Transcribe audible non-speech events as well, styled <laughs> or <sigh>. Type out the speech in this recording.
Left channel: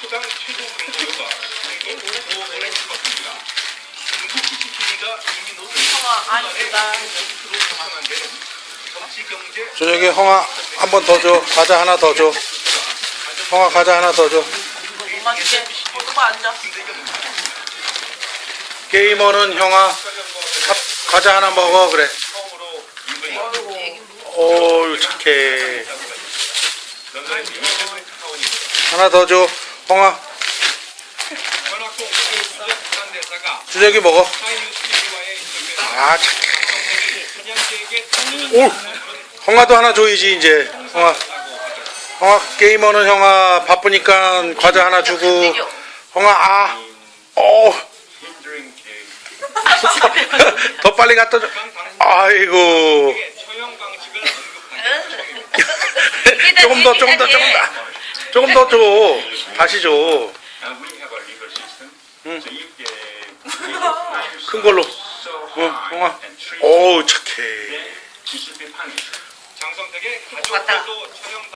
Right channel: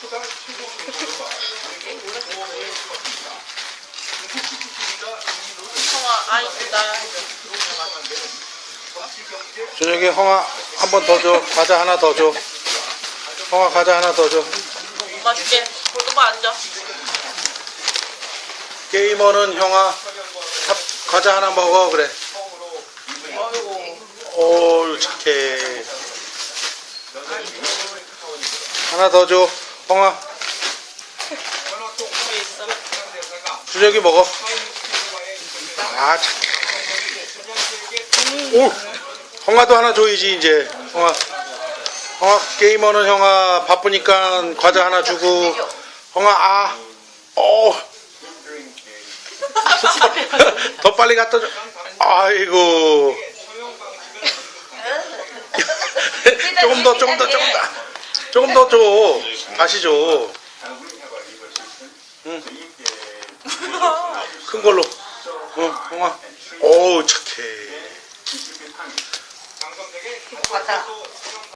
초당 최고 경고료가 보호해 주었습니다. 중국 CCTV가 이미 노를 아닙니다. 조성한 데는 정치 경제 저녁에 홍아 한 번 더 줘. 과자 하나 더 줘. 홍아 과자 하나 더 줘. 엄마 줄게. 조금만 앉아. 게이머는 형아 밥, 과자 하나 먹어 그래. 처음으로 오 착해. 런던의 유명한 타원이 하나 더 줘. 대사가 주혁이 먹어. 아오 홍아도 하나 줘야지 이제. 홍아 홍아 게이머는 형아 바쁘니까 과자 하나 주고. 홍아 아. 오. <laughs> 더 빨리 갖다 줘. 아이고. <laughs> 조금 더, 조금 더, 조금 더. 조금 더 줘. 다시 줘. Get 큰 걸로. 응, and treat 어우, 착해. 장성택의 왔다. 가족들도 처형